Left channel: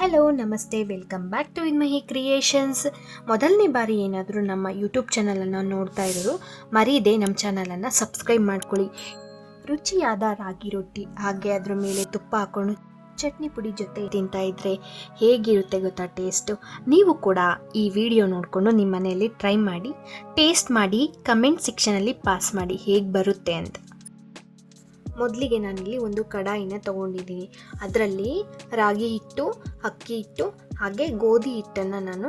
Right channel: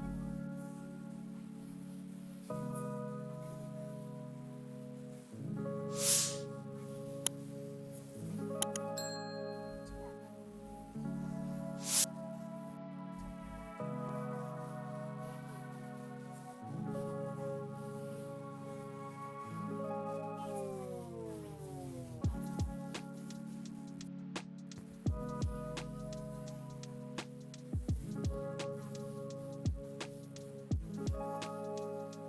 Hello ನಮಸ್ತೆ, welcome back to ವಿನ್ಮಹಿ creations. ಮೊದಲನೇ ಬಾರಿ ಏನಾದರೂ ನಮ್ಮ ಯೂಟ್ಯೂಬ್ ಚಾನಲನ್ನು ನೋಡ್ತಾ ಇರೋರು ಮರೀದೆ ನಮ್ಮ ಚಾನಲನ್ನು ಸಬ್ಸ್ಕ್ರೈಬ್ ಮಾಡ್ಕೊಳ್ಳಿ. ರುಚಿಯಾದ ರಾಗಿ ರೊಟ್ಟಿ ಹಾಗೆ ಅದರ ಮೇಲೆ ತುಪ್ಪ ಹಾಕ್ಕೊಂಡು ಚಟ್ನಿ ಪುಡಿ ಜೊತೆ ತಿಂತಾ ಇದ್ರೆ ಹೇಗಿರುತ್ತೆ ಗೊತ್ತಾ ಟೇಸ್ಟು. ನೀವು ಕೂಡ ಈ ವಿಡಿಯೋ ನೋಡಿಕೊಂಡು ನಿಮ್ಮ ಮನೆಯಲ್ಲಿ ಟ್ರೈ ಮಾಡಿ, ಟೇಸ್ಟ್ ಮಾಡಿ, ಕಮೆಂಟ್ ಸೆಕ್ಷನಲ್ಲಿ ಪಾಸ್ ಮಾಡಿ ಹೇಗೆ ಬರುತ್ತೆ ಅಂತ. ಮೊದಲಿಗೆ ನಾನಿಲ್ಲಿ ಒಂದು ಕಡಾಯಿನ ತೊಗೊಂಡಿದ್ದೀನಿ. ಅದರಲ್ಲಿ ರಾಗಿ ಹಿಟ್ಟು, ಅಕ್ಕಿ ಹಿಟ್ಟು ಹಾಗೆ ಗೋಧಿ ಹಿಟ್ಟನ್ನು ನಾನು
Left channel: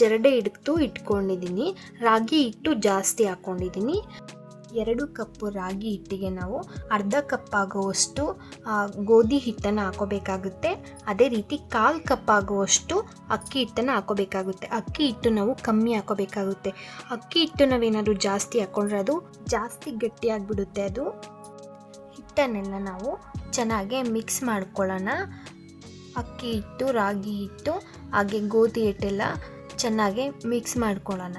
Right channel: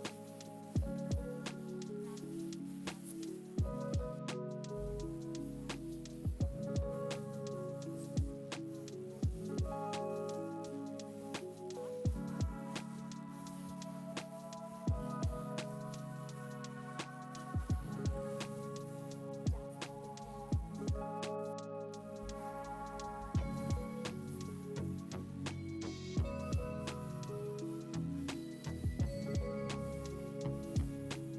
ಜರಡೆ ಹಿಡಿದು ಇಟ್ಕೊಂಡಿದ್ದೀನಿ. ರಾಗಿ ಹಿಟ್ಟು ಜಾಸ್ತಿ ಹಾಕ್ಕೊಂಡಿದ್ದೀನಿ. 2 ಕಪ್ಪು ರಾಗಿ ಹಿಟ್ಟಿಗೆ ನಾವು ಅರ್ಧ ಕಪ್ ಆಗುವಷ್ಟು ಗೋಧಿ ಹಿಟ್ಟನ್ನು ಹಾಕೋಬೇಕಾಗುತ್ತೆ. ಅದೇ ರೀತಿ 1/4 ಕಪ್ ಆಗುವಷ್ಟು ಅಕ್ಕಿ ಹಿಟ್ಟನ್ನು ಹಾಕೋಬೇಕಾಗುತ್ತೆ. ಅಕ್ಕಿ ಹಿಟ್ಟು ನಾವು ಕಮ್ಮಿ ಹಾಕೋಬೇಕಾಗುತ್ತೆ. ಅಕ್ಕಿ ಹಿಟ್ಟು ನಾವೇನಾದರೂ ಜಾಸ್ತಿ ಹಾಕ್ಕೊಂಡ್ರೆ ಅದು ಜಾಸ್ತಿ ಗಟ್ಟಿಯಾಗಿಬಿಡುತ್ತೆ. ಅದು ಹಿಟ್ಟನ್ನೆಲ್ಲ ನಾವು ಚೆನ್ನಾಗಿ ಮಿಕ್ಸ್ ಮಾಡ್ಕೊಳ್ಳೋಣ. ಅಕ್ಕಿ ಹಿಟ್ಟು, ರಾಗಿ ಹಿಟ್ಟು ಹಾಗೆ ಗೋಧಿ ಹಿಟ್ಟೆಲ್ಲ ಚೆನ್ನಾಗಿ ಮಿಕ್ಸ್ ಮಾಡ್ಕೊಳ್ಳೋಣ.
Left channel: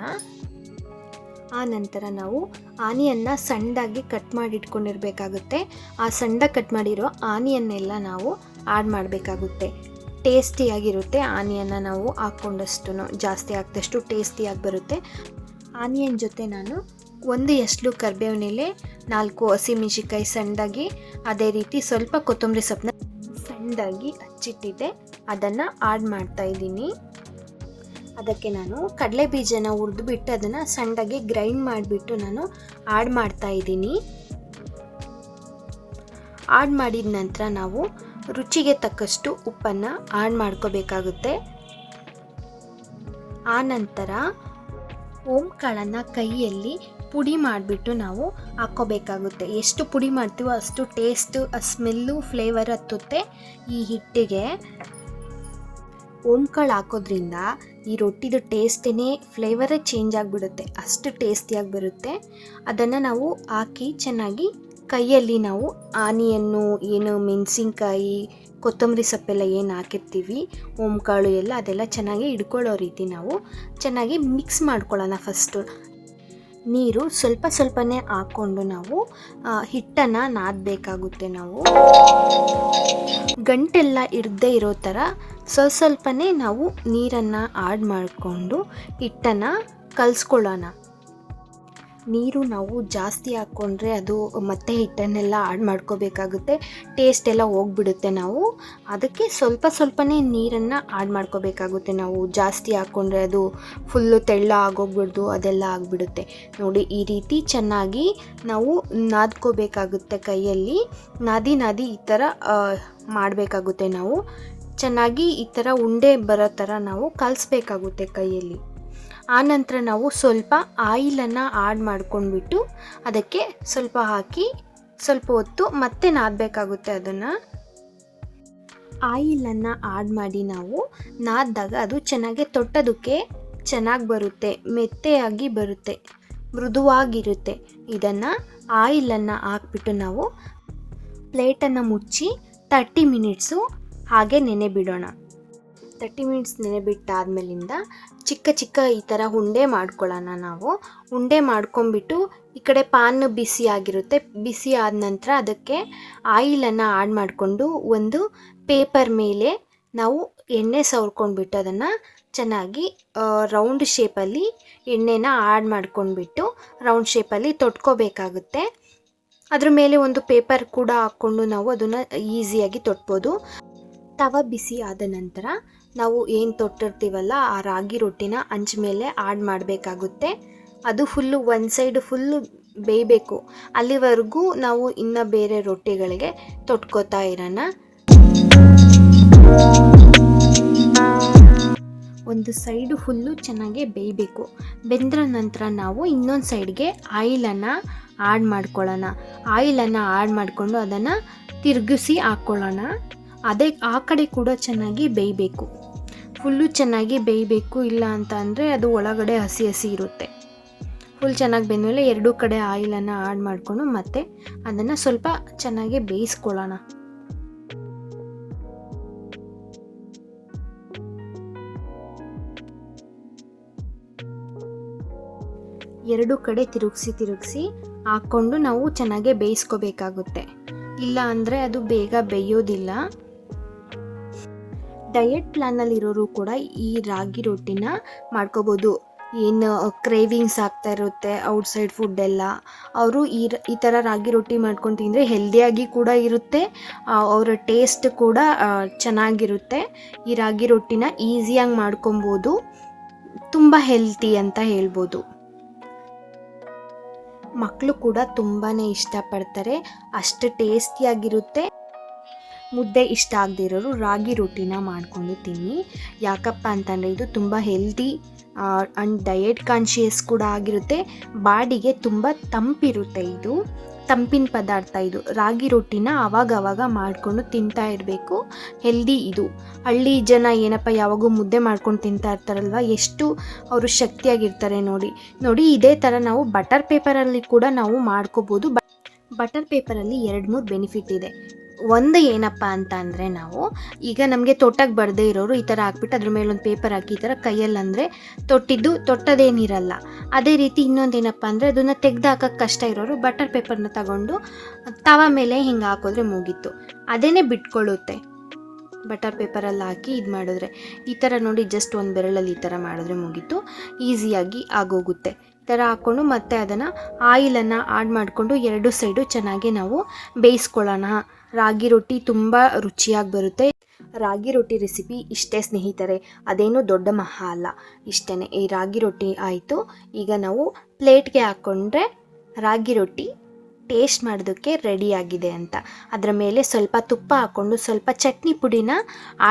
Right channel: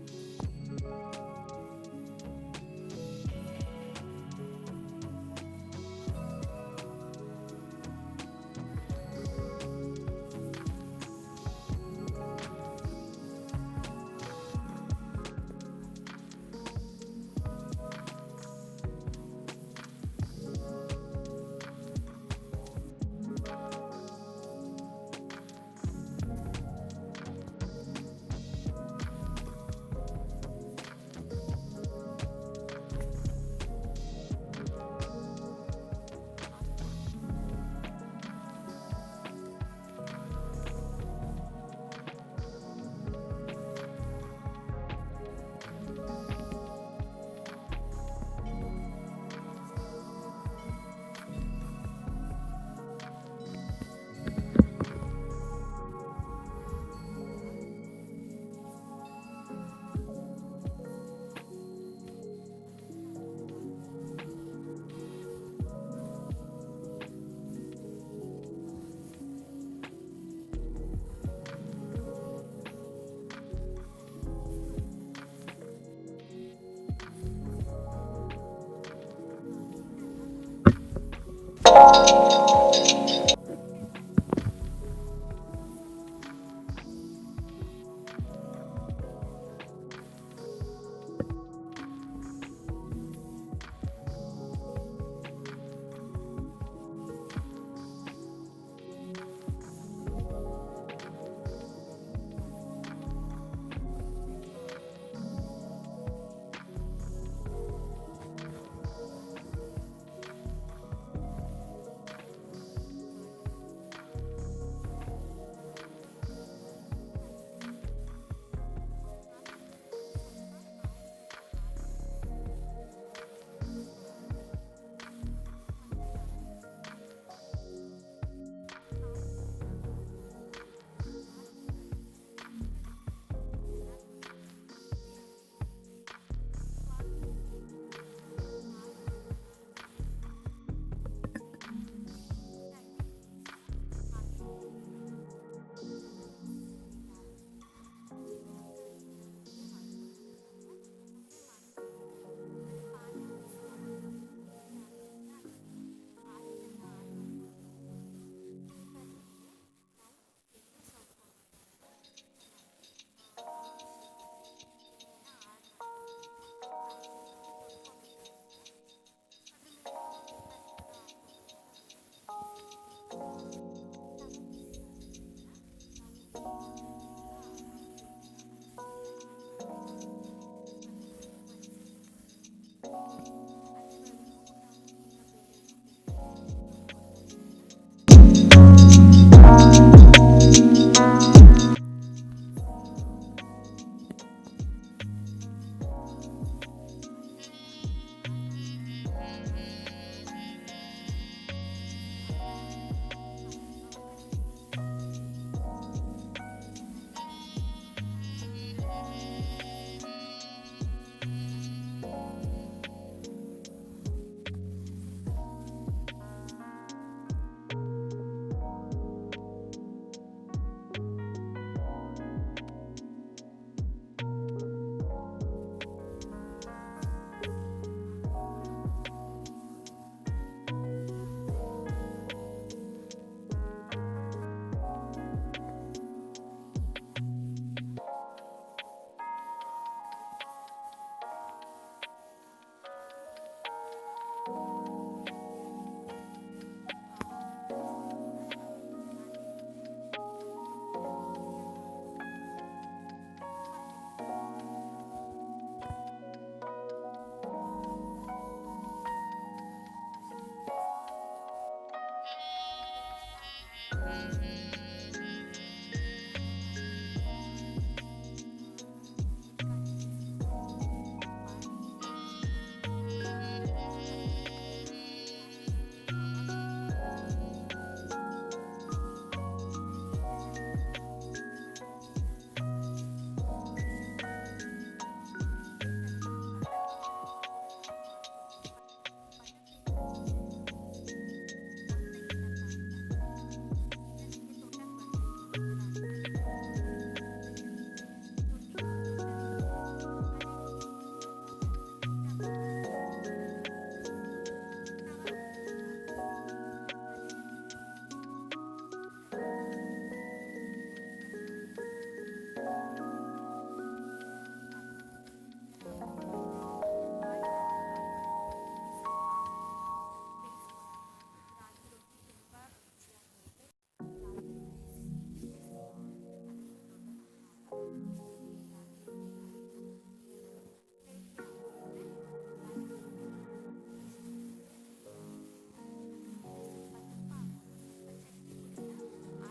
ಆ ನಂತರ ನಾವು ಆನಿಯನ್ನ ಸಣ್ಣದಾಗಿ ಕಟ್ ಮಾಡಿ ಇಟ್ಕೊಂಡಿರಬೇಕಾಗುತ್ತೆ. ಆ ಸಣ್ಣದಾಗಿ ಕಟ್ ಮಾಡಿರೋ ಆನಿಯನ್ನೆಲ್ಲ ನಾವು ಆ್ಯಡ್ ಮಾಡಬೇಕಾಗುತ್ತೆ. ಟೇಸ್ಟಿಯಾಗಿರುತ್ತೆ. ಆನಿಯನ್ನ ನಾವು ಹಾಕ್ಕೊಂಡಷ್ಟು ಜಾಸ್ತಿ ಹಾಕಿದಷ್ಟು ಟೇಸ್ಟಿಯಾಗಿ ಬರುತ್ತೆ. ಆನಿಯನ್ ಜೊತೆ ನಾನು 1 ಎಸ್ಳು ಕರಿಬೇವಿನ ಎಲೆ, 4 ಹಸಿಮೆಣಸಿನ್ಕಾಯಿ ಸಣ್ಣದಾಗಿ, ಅದೇ ರೀತಿ ಸ್ವಲ್ಪ ಕೊತ್ತಂಬರಿ ಸೊಪ್ಪನ್ನ ಸಣ್ಣದಾಗಿ ಹಚ್ಚಿಟ್ಟಿದ್ದೆ, ಅದನ್ನು ಆ್ಯಡ್ ಮಾಡ್ತಾ ಇದ್ದೀನಿ. ಅದಕ್ಕೆ ನಾನು ಕಡಲೆ ಬೀಜನ ಹುರಿದ್ಬಿಟ್ಟು ಅದನ್ನು ಸಣ್ಣದಾಗಿ ಗ್ರೈಂಡ್ ಮಾಡಿಬಿಟ್ಟು ನಾನು ಆ್ಯಡ್ ಮಾಡ್ತಾ ಇದ್ದೀನಿ. ಆ್ಯಡ್ ಮಾಡಿದ ನಂತರ ನಾವು ರುಚಿಗೆ ತಕ್ಕಷ್ಟು ಉಪ್ಪನ್ನು ಆ್ಯಡ್ ಮಾಡ್ಕೋಬೇಕಾಗುತ್ತೆ. ಆ ನಂತರ ಓಂಕಾಳನ್ನು ಕೈಯಲ್ಲಿ ಪುಡಿ ಮಾಡಿಬಿಟ್ಟು ನಾವು ಹಾಕ್ಕೋಬೇಕಾಗುತ್ತೆ. ಎಷ್ಟು ಪುಡಿ ಮಾಡ್ತೀವೋ ಅಷ್ಟು ಟೇಸ್ಟು, ಸ್ಮೆಲ್ಲು, ಫ್ಲೇವರ್ ಹತ್ತುತ್ತೆ ಈ ಹಿಟ್ಟಿಗೆ. ಓಂಕಾಳು ಹಾಕೋದ್ರಿಂದ ಈ ರೊಟ್ಟಿದು ಟೇಸ್ಟೇ, ಫ್ಲೇವರೇ ಚೇಂಜ್ ಆಗಿಬಿಡುತ್ತೆ. ಅಷ್ಟು ಟೇಸ್ಟಿಯಾಗಿ ಬರುತ್ತೆ. ಅದನ್ನು ನಾವು ಹಾಕಿ ಚೆನ್ನಾಗಿ ಕೈಯಲ್ಲಿ ನಾವು ಆನಿಯನ್ನು, ಏನು ಮೆಣಸಿನ್ಕಾಯಿ, ಕೊತ್ತಂಬರಿ ಸೊಪ್ಪೆಲ್ಲ ಏನು ಹಾಕಿರ್ತೀವಿ, ಓಂಕಾಳು ಎಲ್ಲ ಅದೆಲ್ಲ ಚೆನ್ನಾಗಿ ಹಿಡ್ಕೊಳ್ಳೋ ರೀತಿ ನಾವು ಚೆನ್ನಾಗಿ ಮಿಕ್ಸ್ ಮಾಡ್ಕೊಳ್ಳೋಣ. ಫಸ್ಟು ನೀರು ಸ್ವಲ್ಪನೇ ಹಾಕ್ಕೊಂಡು ನಾವು ಹಿಟ್ಟನ್ನು ನಾದಬೇಕಾಗುತ್ತೆ. ನಾವು ಗಂಟೆಲ್ಲ ಇರದೇ ಇರೋ ಥರ ಸ್ವಲ್ಪನೇ ನಾವು ನೀರನ್ನು ಆ್ಯಡ್ ಮಾಡಿಕೊಂಡು ಹಿಟ್ಟನ್ನು ಕಲಿಸ್ಕೊಳ್ಳೋಣ. ನೀರು ನಾವು ಜಾಸ್ತಿ ಹಾಕ್ಕೊಂಡ್ರೆ ಅದು ಮತ್ತೆ ಹಿಟ್ಟನ್ನೆಲ್ಲ ಆ್ಯಡ್ ಮಾಡ್ಕೋಬೇಕಾಗುತ್ತೆ. ಟೇಸ್ಟ್ ಎಲ್ಲ ಹೋಗ್ಬಿಡುತ್ತೆ. ನಾವು ಅದಕ್ಕೆ ಸ್ವಲ್ಪನೇ ನೀರನ್ನು ಆ್ಯಡ್ ಮಾಡ್ಕೋಬೇಕಾಗುತ್ತೆ. ನಾವು ಜಾಸ್ತಿ ಹಾಕ್ಕೊಂಡ್ರೆ ಅದು ಫುಲ್ಲು ತೆಳ್ಳ ಆಗೋಗ್ಬಿಡ್ದು, ಅದೆಲ್ಲ ಆಗಿಬಿಡುತ್ತೆ. ನೋಡಿ, ಈ ರೀತಿ ಚೆನ್ನಾಗಿ ನಾವು ನಾದ್ಕೋಬೇಕಾಗುತ್ತೆ. ಕೈಯಲ್ಲಿ ನಾದಿ ಈ ಥರ ಮಾಡಬೇಕಾಗುತ್ತೆ. ನಾವು ಚೆನ್ನಾಗಿ ಈ ಥರ ಉಂಡೆ ಬರೋ ಥರ ನಾವು ಕಲಿಸ್ಬೇಕಾಗುತ್ತೆ ಕೈಯಲ್ಲಿ. ಆನಂತರ ನಾವು ಸ್ವಲ್ಪ ಆಯಿಲನ್ನು ಆ್ಯಡ್ ಮಾಡ್ಕೊಂಡ್ಬಿಟ್ಟು ಅದಕ್ಕೆ ಸ್ವಲ್ಪ ಹಾಕಿ ಸ್ವಲ್ಪ ಹೊತ್ತು ಮತ್ತೆ ನಾದಬೇಕಾಗುತ್ತೆ. ಅದನ್ನು ಆಯಿಲನ್ನು ಆ್ಯಡ್ ಮಾಡಿ ನಾವು ನಾದಿದಾಗ ಅದು ಚೆನ್ನಾಗಿ ತೊಟ್ಟೋದಕ್ಕೆ ಚೆನ್ನಾಗಿ ಬರುತ್ತೆ, ಮೆತ್ತೆಯಾಗಿ ಬರುತ್ತೆ, ಮೃದುವಾಗಿರುತ್ತೆ. ಇದನ್ನು ಆಯಿಲನ್ನು ಹಾಕ್ಬಿಟ್ಟು ನಾವು ಪ್ಲೇಟನ್ನು ಮುಚ್ಚಿ 30 ಮಿನಿಟ್ಸು ಹಾಗೆ ನೆನೆ ಬಿಡೋಣ. 30 ಮಿನಿಟ್ಸ್ ನೆನೆಬಿಟ್ಟಾದ್ಮೇಲಿಂದ ಚಿಕ್ಕ ಈ ಥರ ಉಂಡೆ ಮಾಡ್ಕೊಳ್ಳೋಣ. ನಾವು ಉಂಡೆ ಮಾಡ್ಕೊಂಬಿಟ್ಟು ಈ ಕಡೆ ಪಾನ್ ಬಿಸಿ ಆಗಿರುತ್ತೆ. ಬಿಸಿ ಆದ ನಂತರ ಅದಕ್ಕೆ ಆಯಿಲನ್ನು ಆ್ಯಡ್ ಮಾಡಿಕೊಂಡು ಒಂದು ಪೇಪರ್ ಮೇಲೆ ನಾವು ಎಣ್ಣೆ ಸವರ್ಕೊಂಡ್ಬಿಟ್ಟು ಅದನ್ನು ಚೆನ್ನಾಗಿ ರೌಂಡ್ ಶೇಪಲ್ಲಿ ಎಣ್ಣೆನ ಆ್ಯಡ್ ಮಾಡ್ಕೊಂಡ್ಬಿಟ್ಟು ರೌಂಡ್ ಶೇಪಲ್ಲಿ ತೊಟ್ಕೋಬೇಕಾಗುತ್ತೆ. ಅದ್ರ ಮೇಲೆ ಒಂದು ಪೇಪರ್ ಕೂಡ ಹಾಕ್ಕೊಂಡು ನಾವು ಅದನ್ನು ಈಸಿಯಾಗಿ ತೊಟ್ಬೋದು. ತವ ಬಿಸಿ ಆದ ನಂತರ ನಾವು ಏನು ತೊಟ್ಟಿರ್ತೀವಲ್ಲ ಆ ರಾಗಿ ರೊಟ್ಟಿನ ಹಂಚ ಮೇಲೆ ಆ್ಯಡ್ ಮಾಡಬೇಕಾಗುತ್ತೆ. ಅದು ಫುಲ್ಲು ಒಂದು ಸೈಡ್ ಫುಲ್ಲು ಬೇಯಬೇಕು. ಅಲ್ಲಿವರೆಗೂ ನಾವು ಇನ್ನು ಬೇರೆ ರೊಟ್ಟಿಗಳಿಗೆ ತೊಟ್ಕೋತಾ ಇರೋಣ. ಒಂದು ಸೈಡು ಫುಲ್ಲು ಚೆನ್ನಾಗಿ ಬೇಯಬೇಕು. ಬೆಂದ್ರ ನಂತರ ನಾವು ಇನ್ನೊಂದು ಸೈಡ್ಗೆ ಆಯಿಲನ್ನು ಆ್ಯಡ್ ಮಾಡ್ಕೊಳ್ಳೋಣ. ಆಯಿಲನ್ನು ಆ್ಯಡ್ ಮಾಡಿಕೊಂಡು ಅದನ್ನು ತಿರುಗಿಸಿ ಹಾಕ್ಕೊಳ್ಳೋಣ. ಅದೇ ಆ ಕಡೆ ಕೂಡ ಚೆನ್ನಾಗಿ ಬೇಯಬೇಕು. ಫುಲ್ಲು ಚೆನ್ನಾಗಿ ಬೇಯಬೇಕು, ಇಲ್ಲ ಅಂತ ಅಂದರೆ ಅದು ಒಳಗಡೆ ಹಸಿ ಇರುತ್ತೆ. ಫುಲ್ ಚೆನ್ನಾಗಿ ಬೆಂದಮೇಲೆ 2 ಕಡೆ ಆಯಿಲನ್ನು ಆ್ಯಡ್ ಮಾಡಿಕೊಂಡು ಮತ್ತೆ ಅದನ್ನು ಸ್ವಲ್ಪ ಚೆನ್ನಾಗಿ ಬೇಯಿಸ್ಕೊಳ್ಳೋಣ. ಎರಡು ಕಡೆ ತಿರುಗಿಸಿ ಹಾಕ್ಕೊಂಡು ನಾವು ಚೆನ್ನಾಗಿ ಬೇಯಿಸ್ಕೋಬೇಕಾಗುತ್ತೆ. ಇಲ್ಲ ಅಂದರೆ ಅದು ಬೇಗ ಬೇಯೋದಿಲ್ಲ. ಡಯಟ್ ಪ್ಲ್ಯಾನಲ್ಲಿರೋರು ಕೂಡ ಈ ರಾಗಿ ರೊಟ್ಟಿನ ಮಾಡ್ಕೋಬೋದು. ಏನು ಕ್ರೇವಿಂಗ್ಸ್ ಆಗ್ತಾ ಇರುತ್ತೆ ಔಟ್ಸೈಡ್ ಫುಡ್ ಎಲ್ಲ, ಅವರು ಈ ಥರ ರಾಗಿ ರೊಟ್ಟಿ ಮಾಡ್ಕೊಂಡು ತಿಂದರೆ ಹೆಲ್ದಿಯಾಗಿ ಕೂಡ ಇರುತ್ತೆ, ಅವರ ಟೇಸ್ಟ್ ಕೂಡ ಚೆನ್ನಾಗಿರುತ್ತೆ. ಈ ರಾಗಿ ರೊಟ್ಟಿನ ಈಸಿಯಾಗಿ ಮಾಡ್ಕೊಬೋದು, ತುಂಬ ಹೆಲ್ತಿ ಅಂತ ಹೇಳ್ಬೋದು. ಮಕ್ಕಳು ಕೂಡ ತುಂಬಾ ಇಷ್ಟಪಡ್ತಾರೆ, ಅಷ್ಟು ಟೇಸ್ಟಿಯಾಗಿರುತ್ತೆ. ಮುದ್ದೆ ಇಷ್ಟ ಆಗದೆ ಇರೋರು ರಾಗಿ ರೊಟ್ಟಿನ ಮಾಡಿಕೊಂಡು ತಿನ್ನಿ. ಯಾಕಪ್ಪ ಅಂತಂದರೆ ಇದು ತುಂಬ ಹೆಲ್ದಿ ಆ್ಯಂಡ್ ಡಯಟ್ ಕಾನ್ಷಿಯಸ್ ಕೂಡ ಆಗಿರುತ್ತೆ. ಬಾಡಿಗೆ ತುಂಬ ತಂಪಿರುತ್ತೆ, ಇದು ತಂಪಿನ ಪದಾರ್ಥ. ಇದು ರಾಗಿ ರೊಟ್ಟಿನ ಆವಾಗವಾಗ ಮಾಡಿಕೊಂಡು ತಿಂತಾ ಇರಬೇಕು, ಹೆಲ್ದಿ ಇದು. ಹಳ್ಳಿ ಜನ ಏನಪ್ಪ ಯಾವಾಗೂ ಮುದ್ದೆ ಮಾಡ್ಕೊಂಡು ತಿಂತಾ ಇರ್ತಾರಲ್ವ, ಎಷ್ಟು ಅವರು ಶಕ್ತಿಯಾಗಿರ್ತಾರೆ ನೋಡಿ. ಇದೇ ಥರ ನಾವು ಬಟರ್ ಪೇಪರಲ್ಲಿ ಕೂಡ ನಾವು ಮಾಡ್ಕೋಬೋದು. ಬಟರ್ ಪೇಪರಲ್ಲಿ 2-3 ಬೆನಿಫಿಟ್ ಇದೆ. ಒಂದು ಏನಪ್ಪ ಅಂತ ಅಂದರೆ, ನಾವು ಈಗ ನಮಗೆ ತೊಟ್ಟಕ್ಕೆ ಬರದೇ ಇರೋರು ಈ ಥರ ಹಾಕ್ಬಿಟ್ಟು ಅದ್ರ ಮೇಲೆ ಒಂದು ಪೇಪರ್ ಹಾಕಿ ಈ ಥರ ಕೈಯಲ್ಲಿ ಅಂದರೆ ತೊಟ್ಟದೇನಿರಲ್ಲ. ಅದೇ ರೀತಿ ಇನ್ನೊಂದೇನಪ್ಪ ಅಂದರೆ, ಅದನ್ನು ತೆಗೆದು ಹಾಕೋಕ್ಕೆ ಕಷ್ಟ ಇರೋರು ಬಟರ್ ಪೇಪರ್ನ ತಗೊಂಡು ತವ ಮೇಲೆ ಹಿಂಗೆ ಹಾಕಿದ್ರೆ ಮುಗೀತು, ಅದೇನೇ ಬಿಟ್ಕೊಳ್ಳುತ್ತೆ. ಬಟರ್ ಪೇಪರಲ್ಲಿ ಹಾಕಿ ಇದು ಮಾಡಿದ್ರೆ ಈ ಥರ ನೋಡಿ, ಜಸ್ಟ್ ಒಂದು ಬೆರಳಲ್ಲಿ ಈ ಥರ ಮಾಡಿದ್ರೆ ಮುಗೀತು, ಈಸಿಯಾಗಿ ಆಗೋಗುತ್ತೆ. ಈ ಥರ ಹಾಕ್ಕೊಂಡು ಮತ್ತೆ ಅದನ್ನು ಆಯಿಲನ್ನು ಆಡ್ ಮಾಡಿಕೊಂಡು 2 ಸೈಡು ಚೆನ್ನಾಗಿ ನಾವು ಬೇಯಿಸ್ಕೊಳ್ಳೋಣ. ರಾಗಿ ರೊಟ್ಟಿ ತುಂಬ ರುಚಿಯಾಗಿ ಬರುತ್ತೆ. ರಾಗಿ ರೊಟ್ಟಿ ರೆಸಿಪಿ ಇಷ್ಟೇ ಸ್ನೇಹಿತರೆ, ಅದೇನು ದೊಡ್ಡ ಮಹಾ ಅಲ್ಲ, ಇಷ್ಟೇ. ಈ ರಾಗಿ ರೊಟ್ಟಿ ಆಯಿತು. ಈಗ ನಾವು ಪ್ಲೇಟ್ಗೆ ಹಾಕ್ಕೊಂಡ್ರೆ ರಾಗಿ ರೊಟ್ಟಿ ಟೇಸ್ಟ್ ಮಾಡೋದಕ್ಕೆ ರೆಡಿಯಾಗಿದೆ ಅಂತ. ಅದರ ಮೇಲೆ ಸ್ವಲ್ಪ ತುಪ್ಪ ಹಾಕ್ಕೊಂಡು ಸ್ವಲ್ಪ ಚಟ್ನಿ ಪುಡಿನ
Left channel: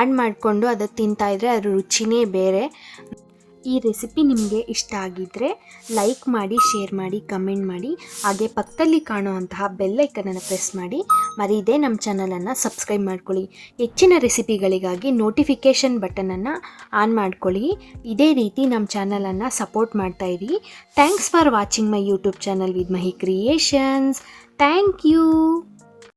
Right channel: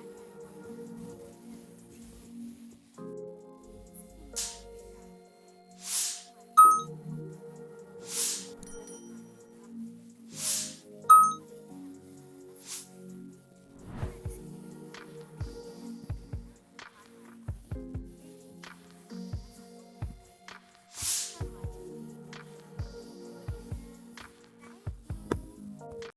ಆಡ್ ಮಾಡಿಕೊಂಡು ಅದು ತಿಂತಾಯಿದ್ರೆ ಅದ್ರ ರುಚಿನೇ ಬೇರೆ. ಈ ರೆಸಿಪಿ ನಿಮಗೆ ಇಷ್ಟ ಆಗಿದ್ದರೆ ಲೈಕ್ ಮಾಡಿ, ಶೇರ್ ಮಾಡಿ, ಕಮೆಂಟ್ ಮಾಡಿ. ಹಾಗೆ ಪಕ್ಕದಲ್ಲಿ ಕಾಣುವಂತಹ ಬೆಲ್ ಐಕನನ್ನು ಪ್ರೆಸ್ ಮಾಡಿ. ಮರೀದೇ ನಮ್ಮ ಚಾನಲನ್ನು ಸಬ್ಸ್ಕ್ರೈಬ್ ಮಾಡ್ಕೊಳ್ಳಿ. ಹೆಚ್ಚಿನ ರೆಸಿಪಿಗಳಿಗಾಗಿ ನೋಟಿಫಿಕೇಷನ್ ಬಟನನ್ನು ಆನ್ ಮಾಡ್ಕೊಳ್ಳಿ. ಇದೇ ರೀತಿ ನಮ್ಮ ಚಾನಲನ್ನು ಸಪೋರ್ಟ್ ಮಾಡ್ತಾಯಿರಿ. Thanks for watching my YouTube channel with Mahi creations. Thank you.